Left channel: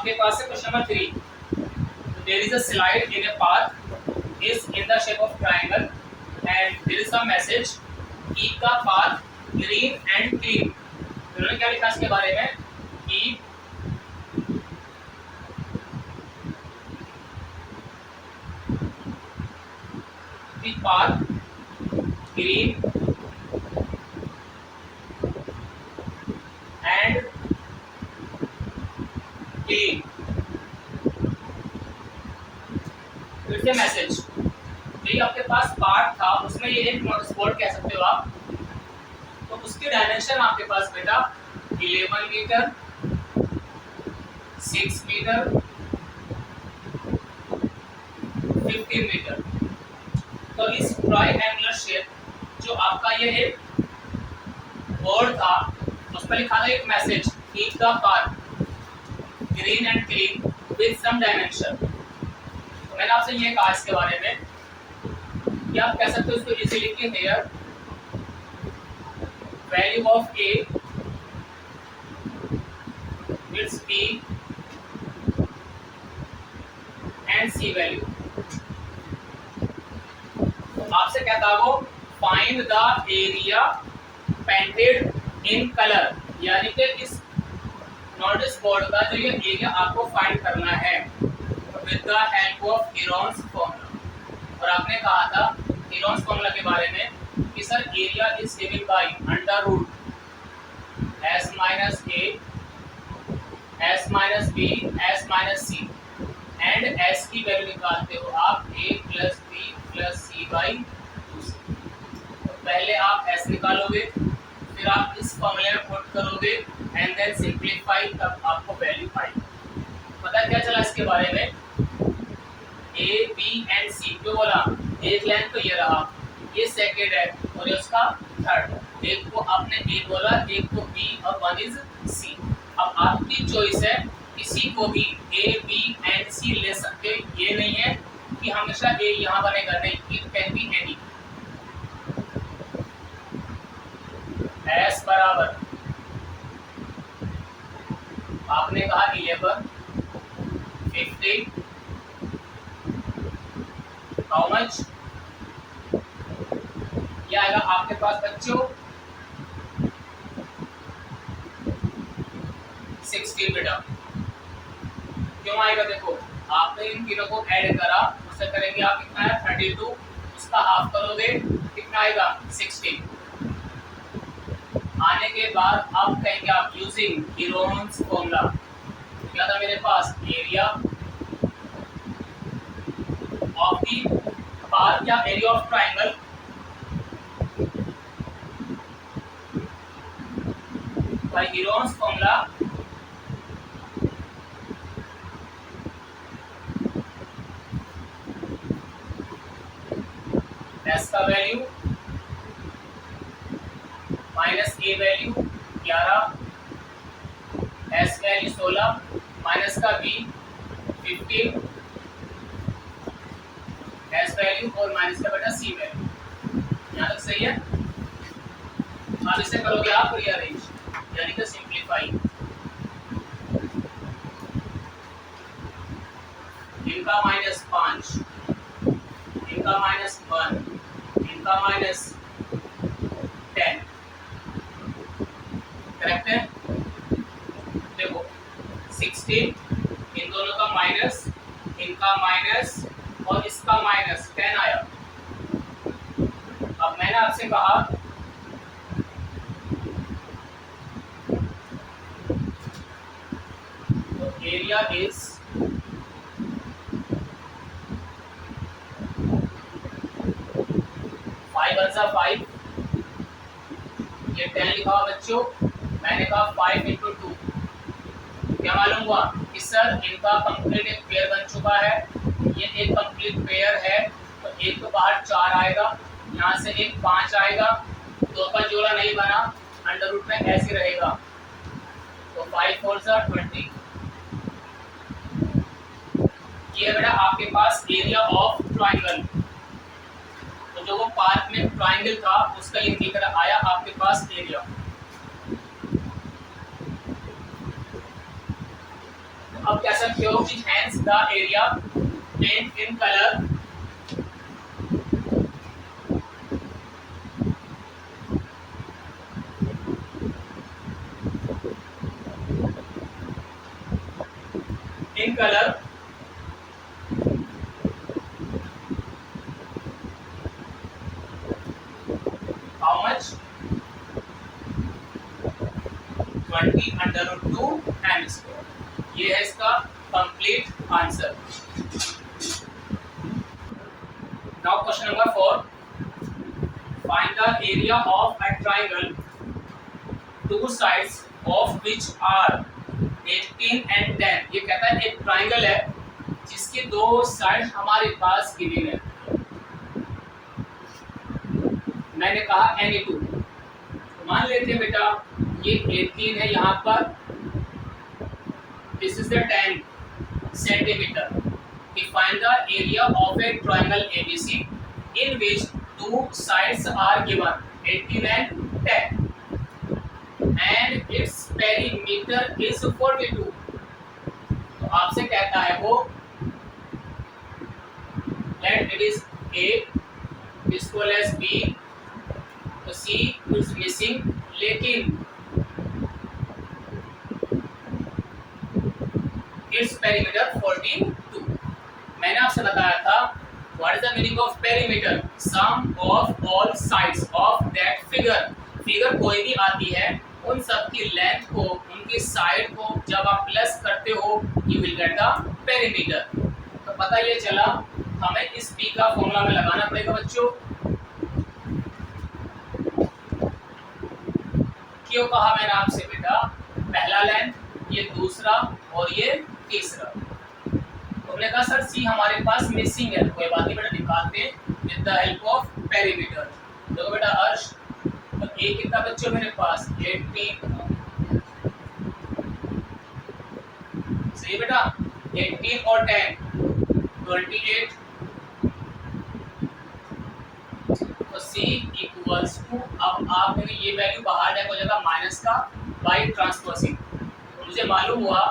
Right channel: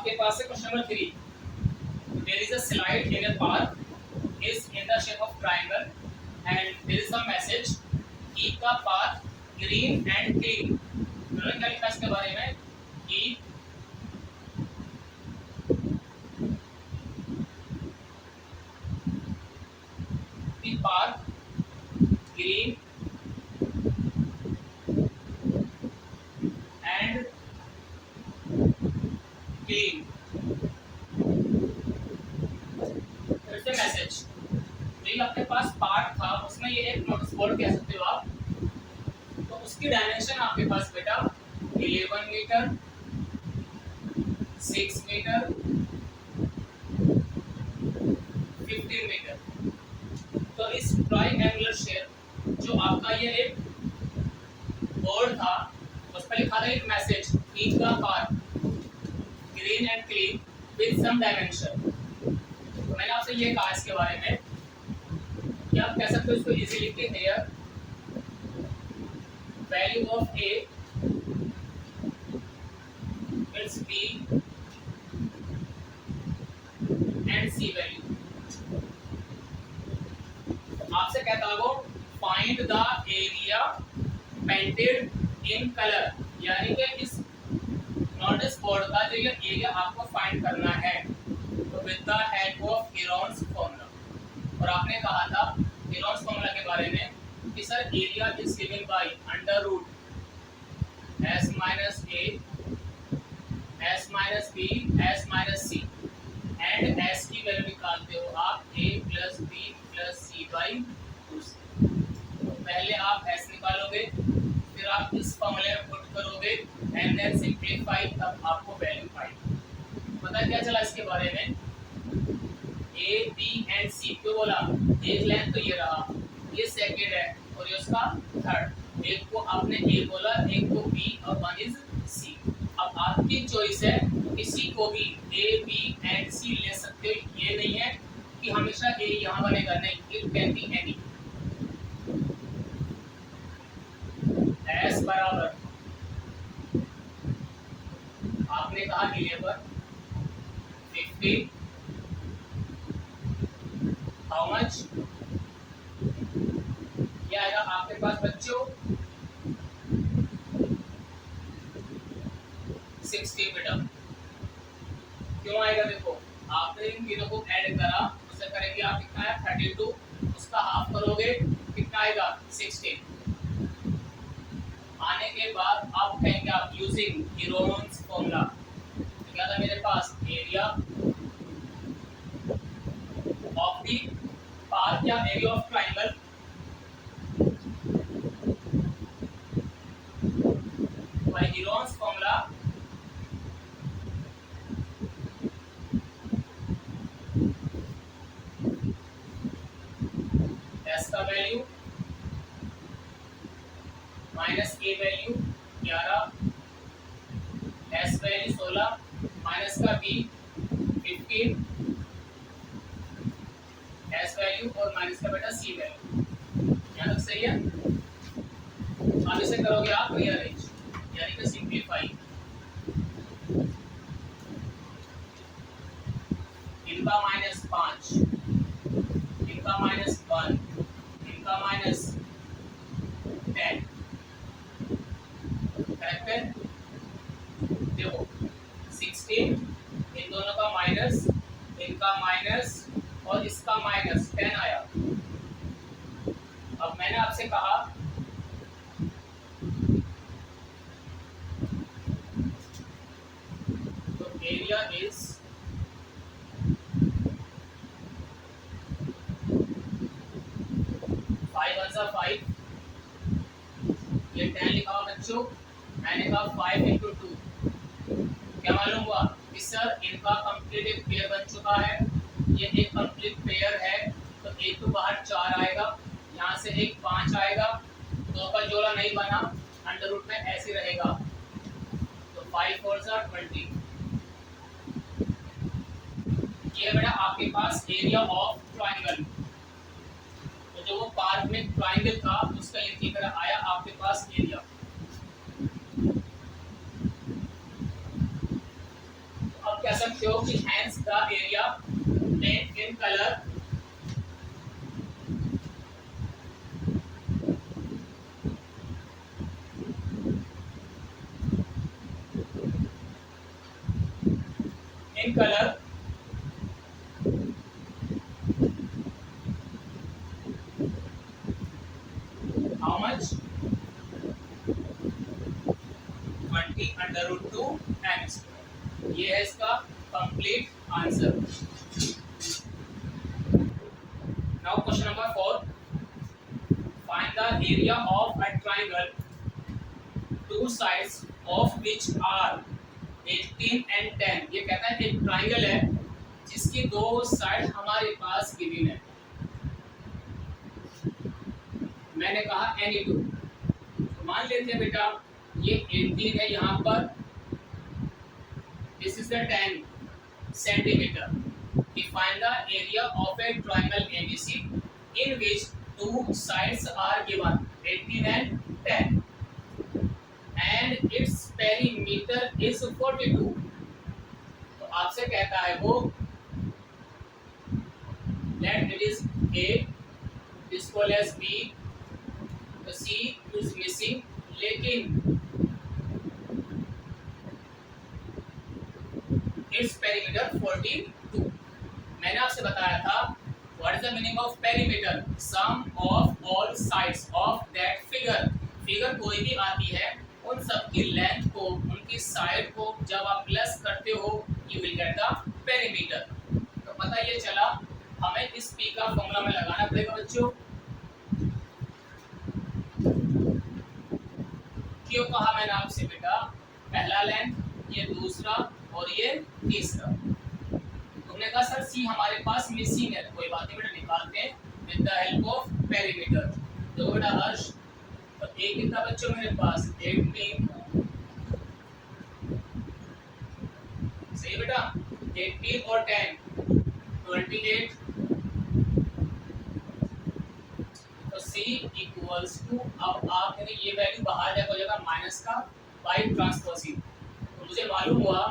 आपके पास है question number 3। There is a slide in a park is in the shape of triangle and there is a message keep the path green and clean। उन्होंने क्या लिखा इसके बारे में? keep the path green and clean। फिर से message, ये आपके पास पार्ट था, उसमें ये एक नोटिस बोर्ड कह सकते हो आप। तो उसकी डायमेंशन आपके पास बेटा 11 मीटर, 6 मीटर, 15 मीटर। तो इस ट्रायंगुलर शेप जो आपका ये एक बोर्ड था, उस पर लिखा था एक message keep the park green and clean with some dimension. तो मैंने आपसे ये कहा इसके बारे में कि आप कह सकते हो इसको इजीली लिखिए here value of a it's b and c value. आपसे क्या था वो? Find the area painted in colour, यानी कि इस नोटिस बोर्ड का जो ये एरिया आपको फाइंड करना है with the help of Heron's formula. और आपने कहा था हेरोन्स फॉर्मूला के बारे में कि sir area is given by under root s minus A S minus B S minus c and s की वैल्यू निकालते हो आप a plus b plus c by 2c। तो पहले आप s निकालोगे, फिर आप इस फॉर्मूले में पुट करोगे एंड देन सिंपलीफाई, तब आपको वैल्यू आएगी। पता क्या चला इसके बारे में? a b एंड c क्यों बोला? एक लाइन तो ये रहा, ये सेकंड है और ये उसका थर्ड। एक को आपने a बोला, एक को b और वन इज c। अब आपकी चॉइस है, किसी को भी a b एंड c ले सकते, ये नहीं है कि हमेशा a यहाँ बनेगा, नहीं, it can be any. s बराबर आपने कहा 11, 15, हाउ मच? क्या आएगा आपके पास बच्चों? 16 बेटा। क्यों आएगा? देखो आपने इन तीनों को ऐड करा, उससे करेंगे आप कितना है 32, उसका हाफ करोगे कितना आएगा 16। आने के बाद आप कहेंगे आप यूजिंग हेरोन्स फॉर्मूला। क्या था मेरे पास? एरिया ऑफ दी पार्क या area of triangle by Heron's formula s का value minus a value 11, s value 16, minus का बी 15, एस वैल्यू और माइनस का बेटा सी वैल्यू। यहाँ तक सही है? अब इसे करोगे आप रीअरेंज, यानी कि सिंप्लीफाई। इनका माइनस 5, इनका माइनस 1, इनका माइनस 10, करेक्ट है? देखो 16, इन दोनों का माइनस, इनका माइनस और इसका माइनस 10 आया। अब मैंने आपसे कहा तो एरिया इज 5, ये 10 लिखा हुआ बच्चों, मैंने कहा 5 इंटू 2, क्या मालूम हुआ कि सर इनका कंप्लीट एक पेयर बन चुका है, ये एक कंप्लीट पेयर है। तो एक तो बाहर 4 आएगा, यहाँ से एक 5 आएगा, 2 का जोड़ा नहीं बना, अंडर रूट में ऐसे रहेगा, तो 5 4 20। ये बेटा आपके पास एरिया ऑफ ट्राइंगल, तो जो वो पार्क में ट्राइंगल था उसका ये दिख रहा आया आपके पास एरिया। अब कह सकते हो कि hence the area paint in colour in color how much 20 √2 m square। ये है इसका complete answer. Now question number 4, find the area of a triangle two sides of which are 18 and 10। ये कहता है एक ट्रायंगल है जिसकी दो साइड हमारे पास गिवन है। मैंने कहा एनी टू, मान लेते हैं बेटा ये 18 है यहाँ पर, this is the 10 centimetre. Define the area of a triangle ABC in which two sides are given 18 and 10 and its perimeter is 42। तो आपसे कहता है वो let it is A is equal as B, तो C is missing, लेकिन its perimeter 42। मैंने आपसे बताया था what is the meaning of perimeter, sum of all sides of that figure। Figure कोई भी आती है उन सब की लेंथ को, उनकी साइड को जब आप प्लस करते हो you will get the perimeter. तो पता ये चला हमें इस p का फॉर्मूला में लगाना पड़ेगा बच्चों। क्यों कहा मैंने आपसे बेटा, पहला लेंथ, ये दूसरा और ये तीसरा। तुमने कहा सर सी हमारे पास मिसिंग है, कोई बात नहीं बेटा, निकालते हैं with the help of perimeter. देखो बेटा हर्ष, तो ए कितना बच्चों मेरे पास 18, सही बेटा, 18 और 10 28। तो सी इक्वल्स टू, अब आप ये वैल्यू बाहर जाएगा, हो जाएगा माइनस का बाई ट्रांसपोजिंग। तो मुझे मालूम हुआ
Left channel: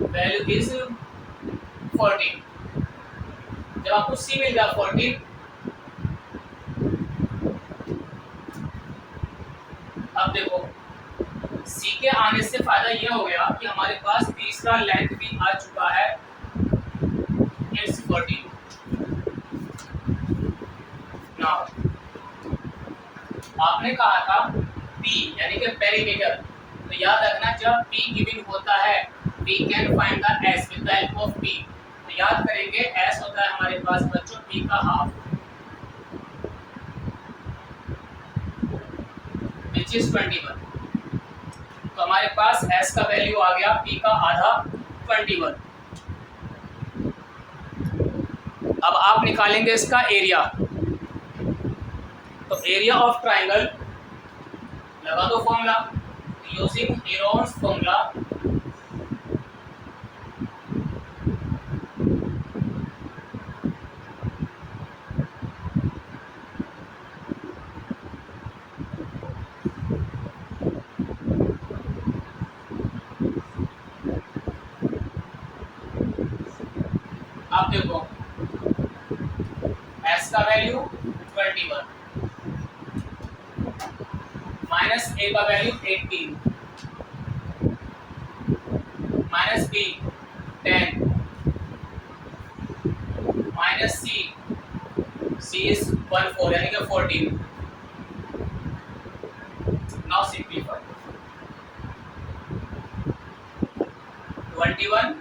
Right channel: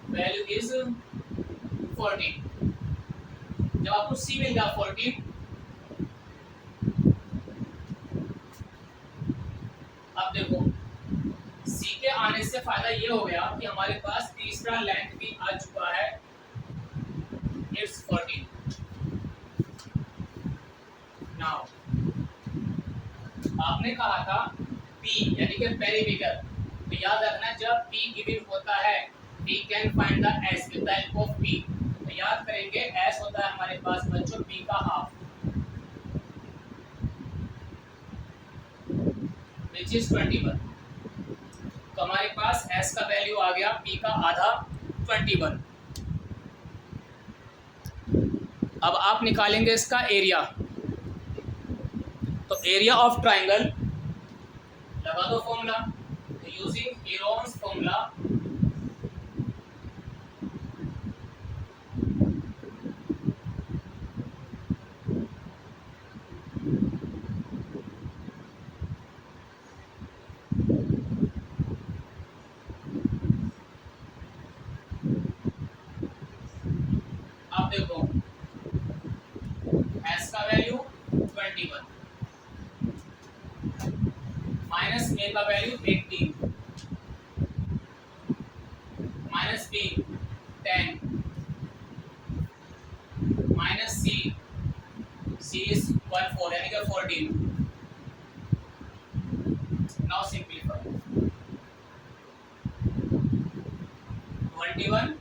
वैल्यू इज 14। जब आपको सी मिल गया 14, अब देखो सी के आने से फायदा ये हो गया कि हमारे पास तीसरा लेंथ भी आ चुका है, इट्स 14। नाउ आपने कहा था P यानी कि पेरीमीटर, तो याद रखना जब P गिवन होता है we can find the S with the help of P। तो याद करेंगे S होता है हमारे पास बच्चों P का हाफ, which is 21। तो हमारे पास S का वैल्यू आ गया P का आधा 21। अब आप निकालेंगे इसका एरिया। तो एरिया ऑफ ट्रायंगल लगा दो फॉर्मूला, यूजिंग हेरोन्स फॉर्मूला। आप देखो S का वैल्यू 21 माइनस A का value 18 minus B 10 minus C is 14 यानी कि 14। नाउ सिंप्लीफाई 21,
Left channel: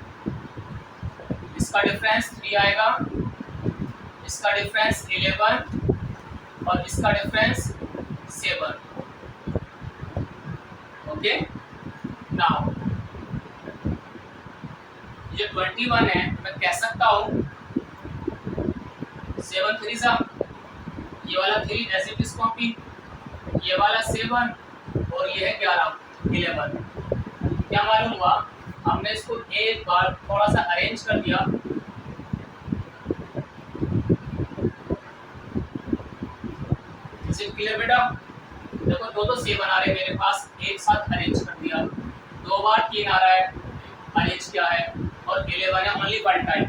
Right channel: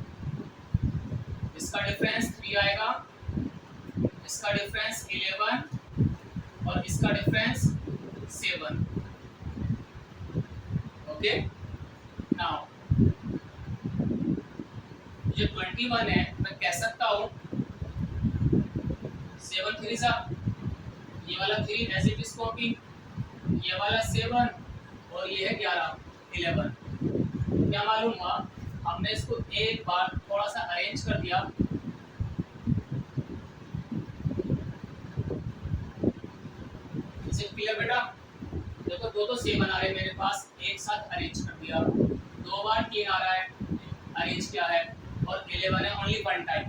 इसका डिफरेंस 3 आएगा, इसका डिफरेंस 11 और इसका डिफरेंस 7। ओके, नाउ जो 21 है मैं कह सकता हूँ 7 3 सा, ये वाला 3 एज इट इज कॉपी, ये वाला 7 और ये है 11। क्या मालूम हुआ, हमने इसको एक बार थोड़ा सा अरेंज कर दिया। इसे क्लियर बेटा, देखो दो 7 आ रहे मेरे पास, एक साथ अरेंज कर दिया। 2 बार 3 आ रहा है, अरेंज किया है, 11 है only one time,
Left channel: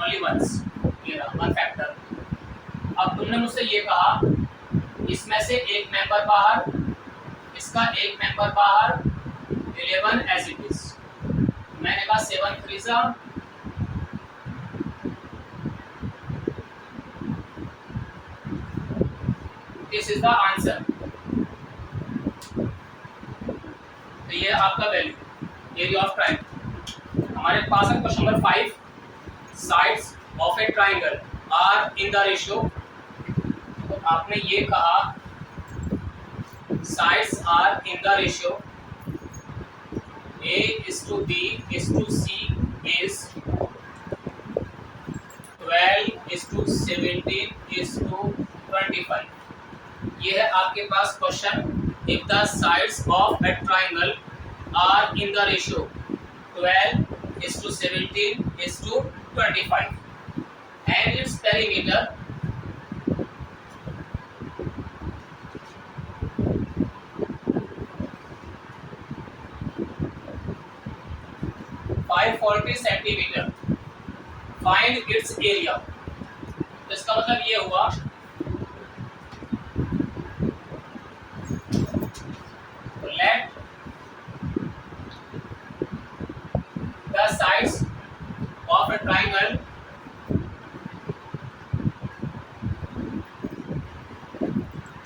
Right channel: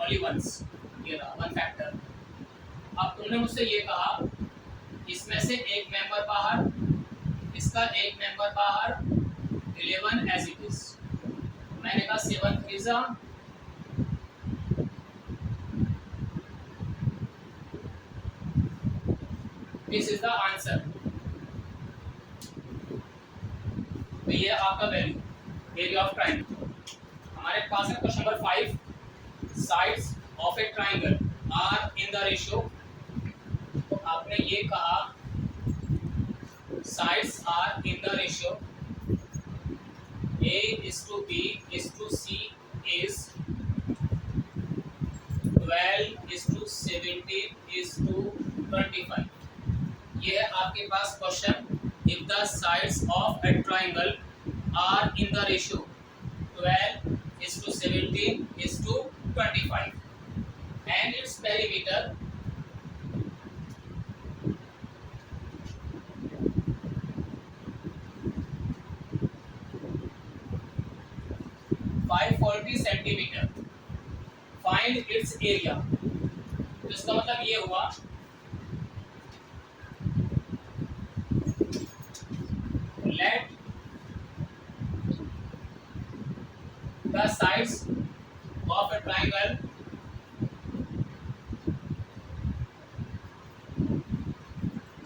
only once, ये रहा वन फैक्टर। अब तुमने मुझसे ये कहा इसमें से एक मेंबर बाहर, इसका एक मेंबर बाहर, 11 एज इट इज। मैंने कहा 7 3 दिस इज द आंसर। तो ये आपका वैल्यू एरिया ऑफ ट्राइंगल। हमारे पास है question number 5, sides of a triangle are in the ratio. तो आपने ये कहा sides are in the ratio A:B:C (12:17:25). ये है आपके पास question. If the sides of a triangle are in the ratio 12:17:25 and its perimeter 540 centimetre, find its area. तो इसका मतलब ये हुआ let the sides of a triangle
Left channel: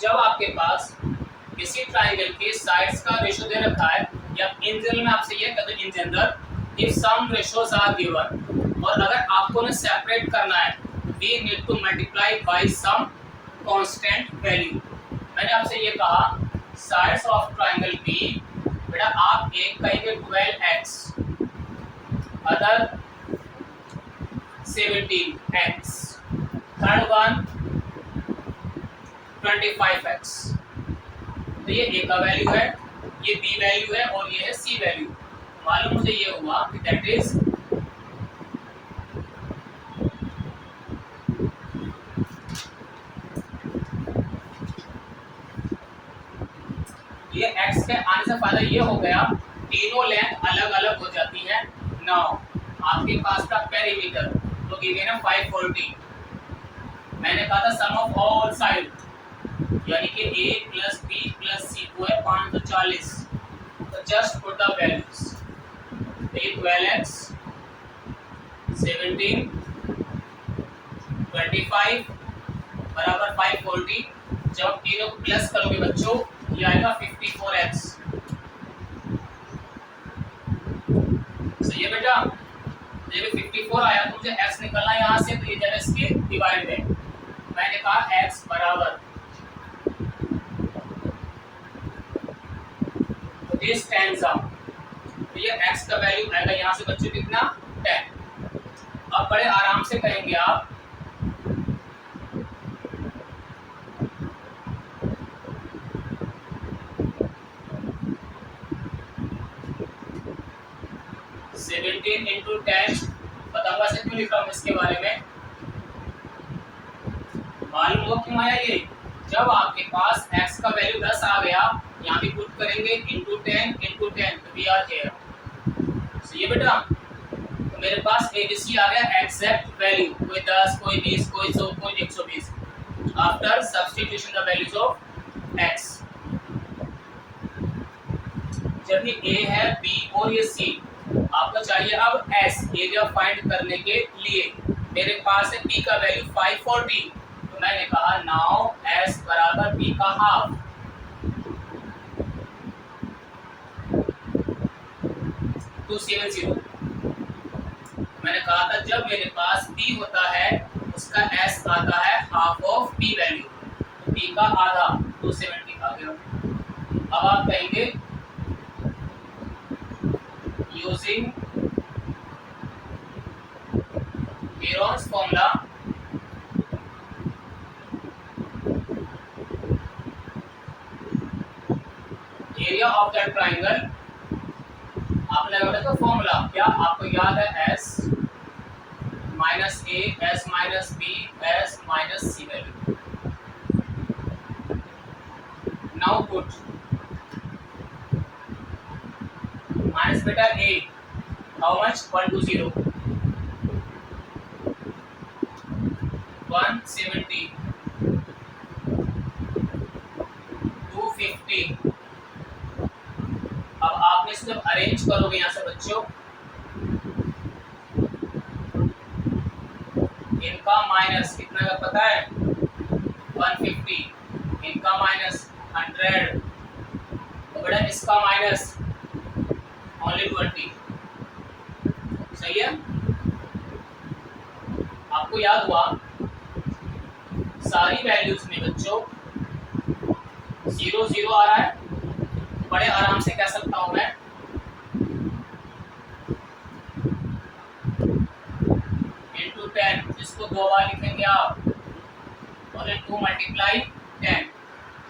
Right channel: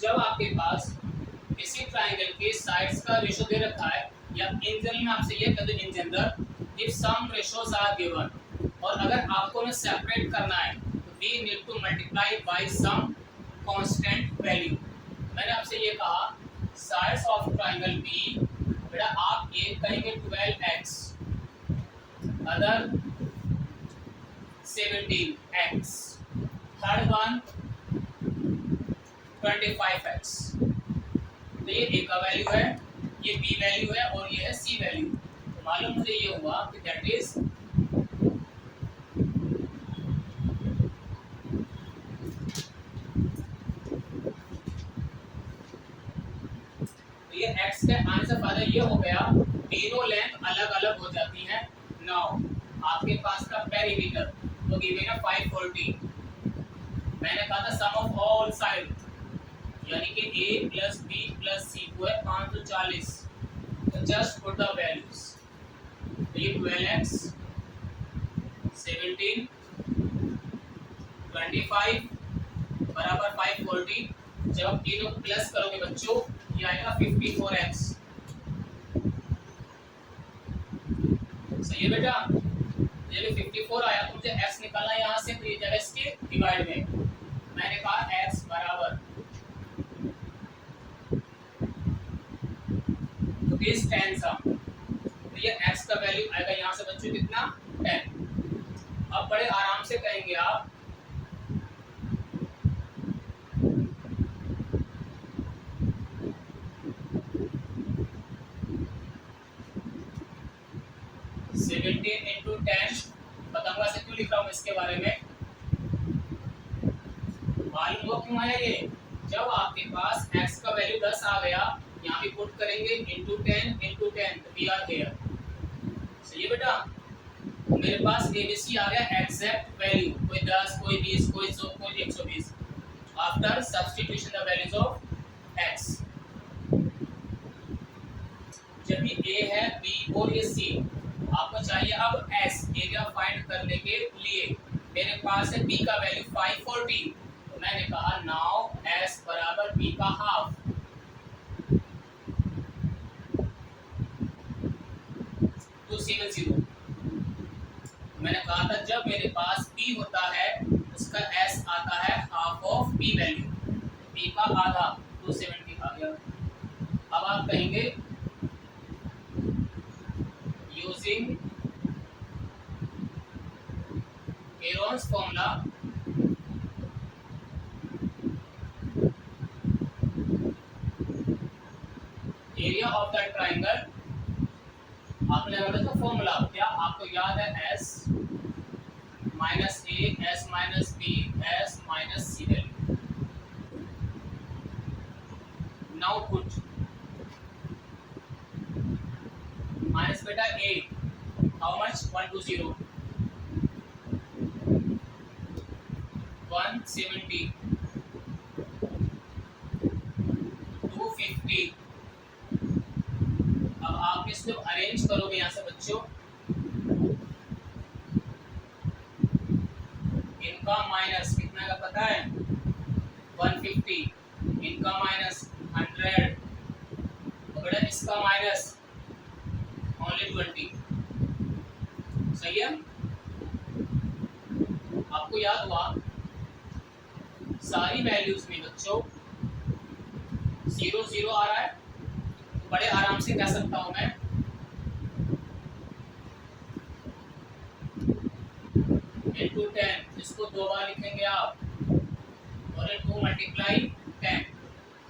जब आपके पास किसी ट्राइंगल के साइड्स का रेशियो दे रखा है, या इन जनरल में आपसे ये कहते हैं in general if some ratios are given, और अगर आपको ने सेपरेट करना है we need to multiply by some constant value. मैंने आपसे ये कहा साइड्स ऑफ ट्राइंगल बी, बेटा आप एक कहेंगे 12x, other 17x, third one 25x। तो ये ए का वैल्यू है, ये बी वैल्यू है और ये है सी वैल्यू। तो मालूम मुझे ये हुआ कि दैट इज ये x के आने से फायदा ये हो गया तीनों लेंथ अलग अलग हो जाती है। नाउ आपके पास का पेरीमीटर तो गिवन है 540। मैंने कहा था सम ऑफ ऑल साइड यानी कि a plus b plus c को है 540। तो जस्ट पुट द वैल्यूज। तो ये 12x 17 25 बराबर 540। जब आप तीनों को प्लस करोगे बच्चों ये आएगा 54x। सही है बेटा, ये 54 आया तो मुझे x निकलना है यहाँ से, तो ये जाएगा इसके डिवाइड में। मैंने कहा x बराबर तो दिस 10 तो ये x का वैल्यू आएगा यहाँ से बच्चों कितना 10। अब बड़े आराम से कहेंगे आप 17 into 10 बताऊंगा से क्यों लिख रहा हूँ इसके बारे में। मालूम हो क्यों आया ये, जब आपके पास x का वैल्यू 10 आ गया यहाँ भी पुट करेंगे into 10 तो वी आर हियर। सही है बेटा, तो मेरे पास ABC आ गया एग्जैक्ट वैल्यू, कोई 10 कोई 20 कोई 100 कोई 120 after substitution the values of x। जब ये A है B और ये C, आपको चाहिए अब S एरिया फाइंड करने के लिए। मेरे पास है B का वैल्यू 540, तो मैंने कहा नाउ S बराबर B का हाफ। 270 मैंने कहा था जब मेरे पास B होता है उसका S आता है हाफ ऑफ B वैल्यू, तो B का आधा 270 आ गया। अब आप कहेंगे using Heron's formula area of that triangle। आपने बताया तो फॉर्मूला क्या आपको याद है S minus A S minus B S minus C value. Now put minus बेटा 8 हाउ मच 120 170, 250। अब आपने इसको जब अरेंज करोगे यहाँ से बच्चों, इनका माइनस कितना का पता है, 150, इनका माइनस 100, तो बेटा इसका माइनस ओनली 20। सही है। आपको याद हुआ सारी वैल्यूज में बच्चों 0 0 आ रहा है, बड़े आराम से कह सकता हूं मैं इंटू 10, इसको 2 बार लिखेंगे आप, और 2 मल्टीप्लाई 10।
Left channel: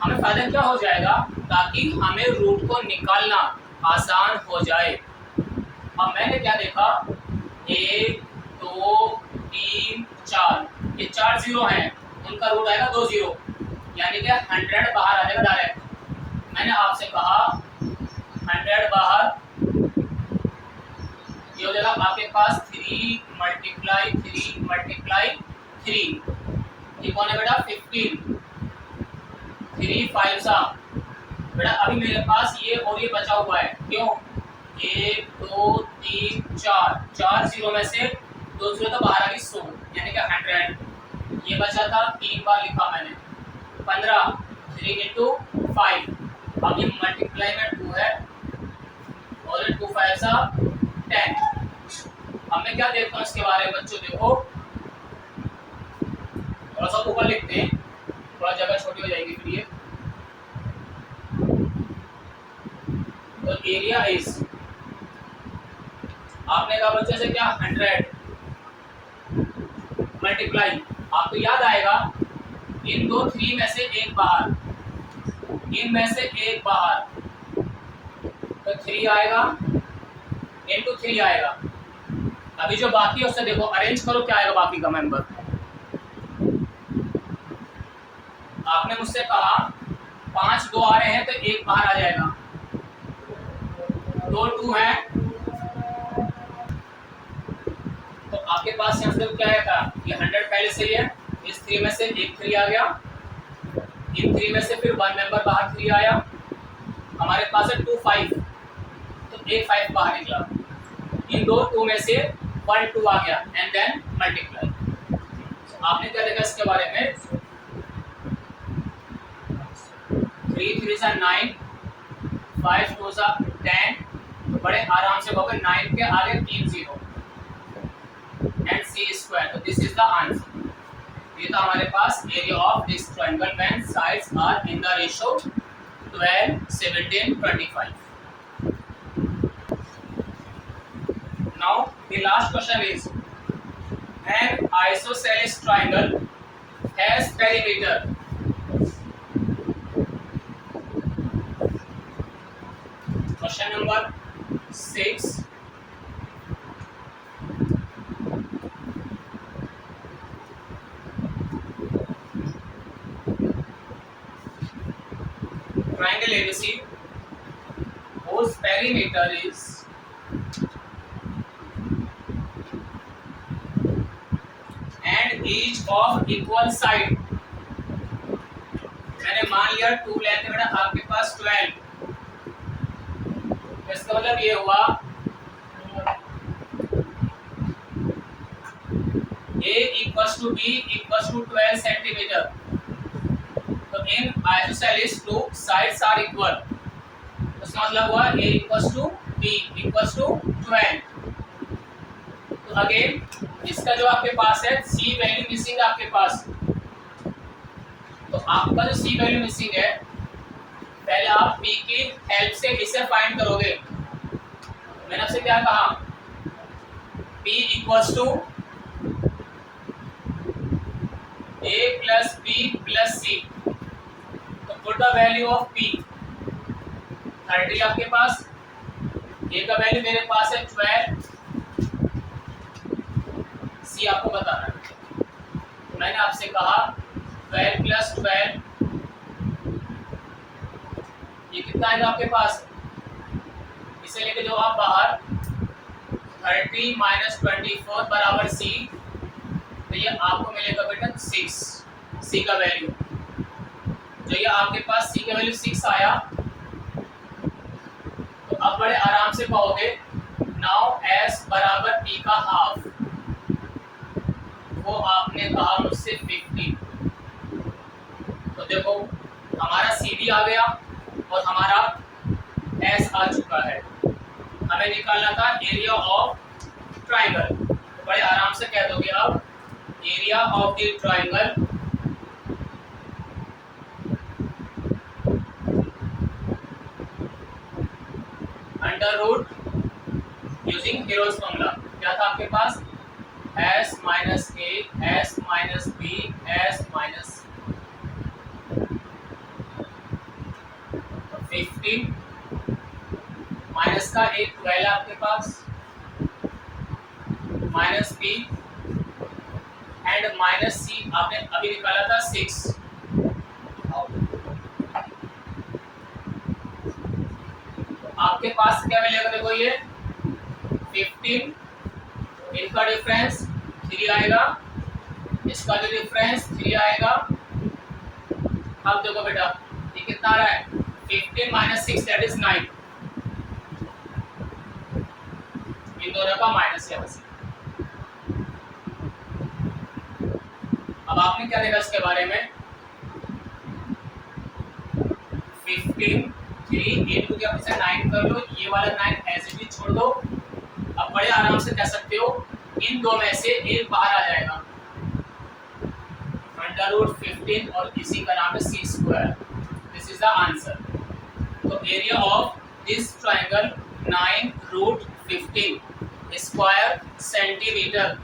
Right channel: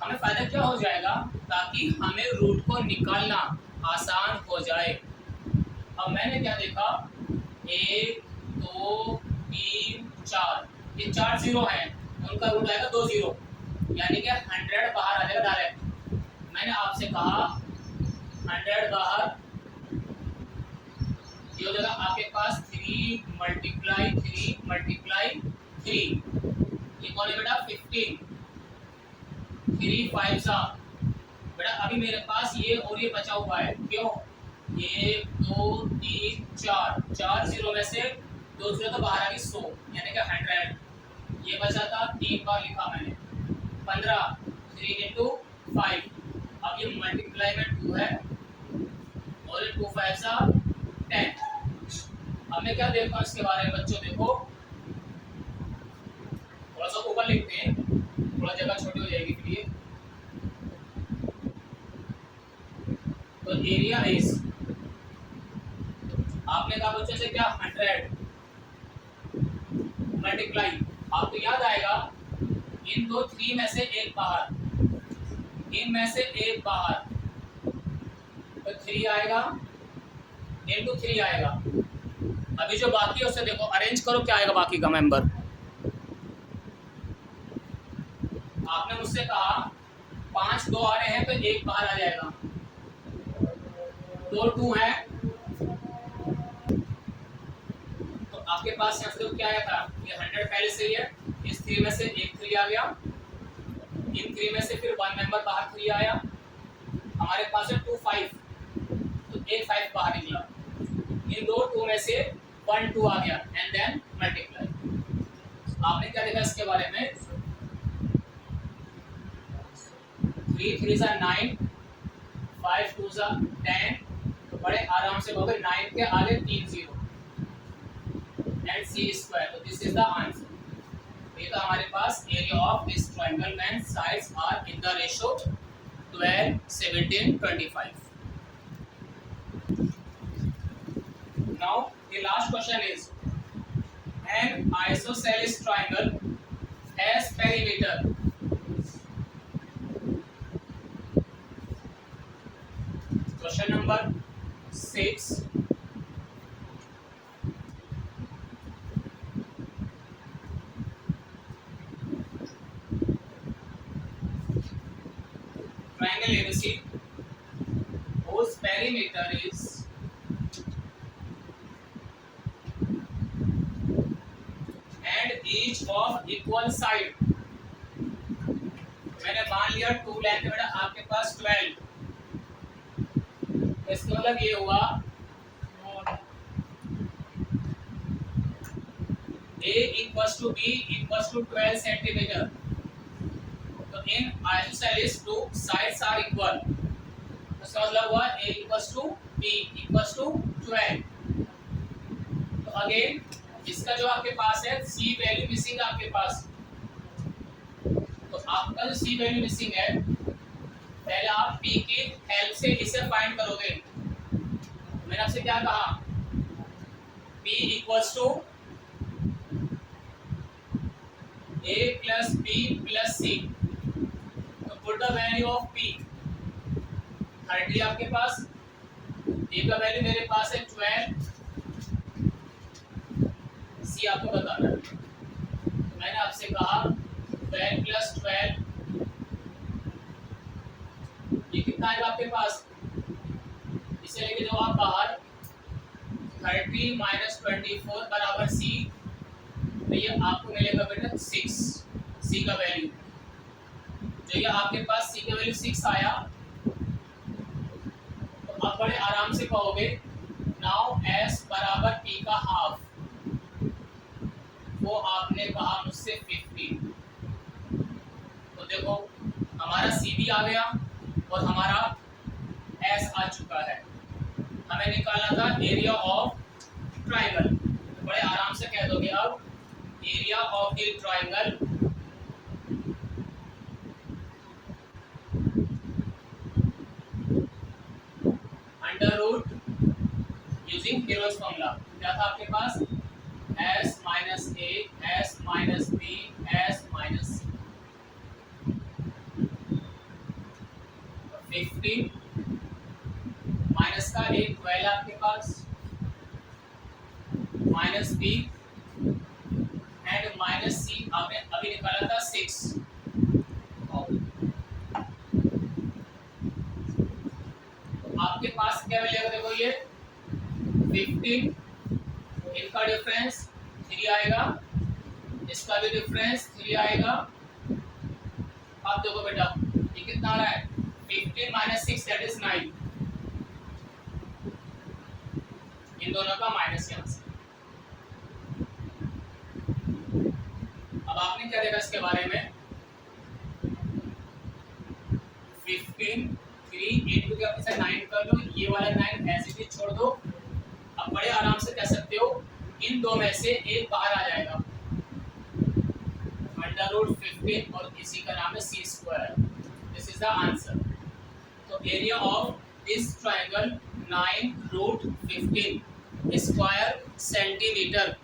हमें फायदा क्या हो जाएगा, ताकि हमें रूट को निकालना आसान हो जाए। अब मैंने क्या देखा, 1 2 3 4, ये 4 0 हैं, उनका रूट आएगा 2 0, यानी कि 100 बाहर आ जाएगा डायरेक्ट। मैंने आपसे कहा 100 बाहर, ये हो जाएगा आपके पास 3 मल्टीप्लाई 3 मल्टीप्लाई 3, ये कौन है बेटा 15, 3 5 सा बेटा। अभी मेरे पास ये और ये बचा हुआ है, क्यों, 1 2 3 4, 4 0 में से 2 0 तो बाहर आ गई 100, यानी कि 100। ये बचा था 3 बार लिखा मैंने, 15, 3 इंटू 5। अब ये मल्टीप्लाई में 2 है, और 2 5 सा 10। अब मैं क्या देखता हूँ इसके बारे में बच्चों, देखो थोड़ा सा ऊपर लिखते हैं, थोड़ा जगह छोटी हो जाएगी फिर ये। तो एरिया इज, आपने कहा बच्चों से क्या 100 मल्टीप्लाई, आपको याद आएगा इन दो 3 में से एक बाहर, इनमें से एक बाहर, तो 3 आएगा इंटू 3 आएगा। अभी जो बाकी है उससे देखो अरेंज करो क्या आएगा बाकी का मेंबर। आपने मुझसे कहा 5 2 आ रहे हैं तो एक बाहर आ जाएगा, 2 2 है, तो आपके पास यहाँ से क्या आया था, ये 100 पहले से ही है, इस 3 में से एक 3 आ गया, इन 3 में से फिर 1 मेंबर बाहर 3 आया, हमारे पास है 2 5, तो एक 5 बाहर निकला, इन दो 2 में से 1 2 आ गया, एंड देन मल्टीप्लाई। आपने क्या देखा इसके बारे में, 3 3 सा 9, 5 2 सा 10, बड़े आराम से हो गए, 9 के आगे 3 0 एंड सी स्क्वायर, तो दिस इज द आंसर। ये तो हमारे पास area of this triangle when sides are in the ratio 12 17 25। Now the last question is, an isosceles triangle has perimeter. Question number 6. Triangle ABC whose perimeter is each of equal side। मैंने मान लिया 2 length बेटा आपके पास 12, इसका मतलब ये हुआ A equals to B equals to 12 centimetre. तो इन आइसोसेलेस 2 साइड्स आर इक्वल, उसका मतलब हुआ A equals to B equals to 12। तो अगेन इसका जो आपके पास है C वैल्यू मिसिंग है आपके पास, तो आपका जो C वैल्यू मिसिंग है, पहले आप P की हेल्प से इसे फाइंड करोगे। मैंने आपसे क्या कहा, P equals to A plus B plus C, तो put the value of P, 30 आपके पास, A का वैल्यू मेरे पास है 12, C आपको बताना है। मैंने आपसे कहा 12 प्लस 12, ये कितना आएगा आपके पास, इसे लेके जो आप बाहर 30 माइनस 24 बराबर C, तो ये आपको मिलेगा बेटा 6 सी का वैल्यू। जो ये आपके पास सी का वैल्यू 6 आया, तो अब बड़े आराम से पाओगे नाउ एस बराबर पी का हाफ, वो आपने कहा मुझसे 50। तो देखो हमारा सी भी आ गया और हमारा एस आ चुका है। हमें निकालना था एरिया ऑफ ट्राइंगल। तो बड़े आराम से कह दोगे अब area of the triangle under root using Hero's formula. क्या था आपके पास? एस माइनस ए, S minus B, S minus 15 minus का एक 12 आपके पास, minus B and minus C आपने अभी निकाला था 6। आपके पास क्या मिलेगा? देखो ये 15, इनका डिफरेंस 3 आएगा, इसका भी डिफरेंस 3 आएगा। अब देखो बेटा ये कितना आ रहा है? 15 माइनस 6 दैट इज 9। इन दोनों का माइनस यहाँ से। अब आपने क्या देखा इसके बारे में? 15 3 into के अपने 9 कर लो, ये वाला 9 ऐसे भी छोड़ दो। अब बड़े आराम से कह सकते हो इन दो में से एक बाहर आ जाएगा, अंडर रूट 15 और इसी का नाम है C square. This is the answer. तो area of this triangle 9 root 15 square centimetre